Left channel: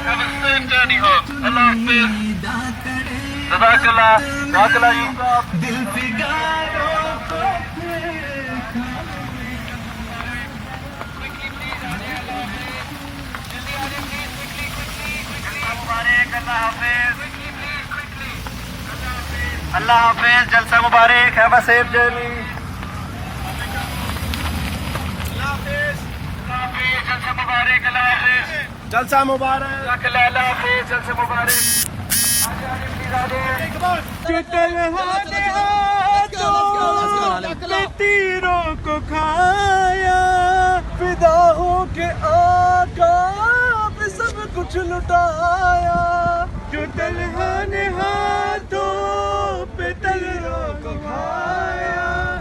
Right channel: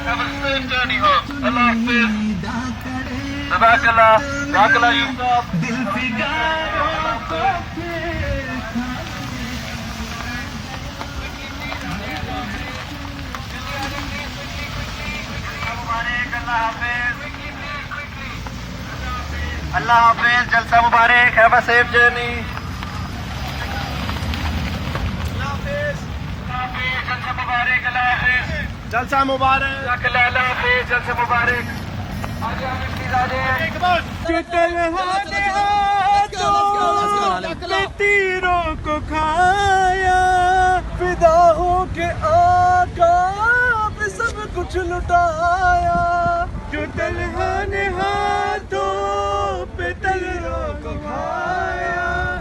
Have a safe journey home. Allah Hafiz. Jazakallah. Jazakallah Yusuf. Allah Hafiz. Jalsa Mubarak. Have a safe journey. Allah Hafiz. Jalsa Mubarak. Allah Hafiz. Jalsa Mubarak. Allah Hafiz. Jalsa Mubarak. तीरों को खाया फिदाओं के आका पे सब कुछ लुटाया जो तन्हा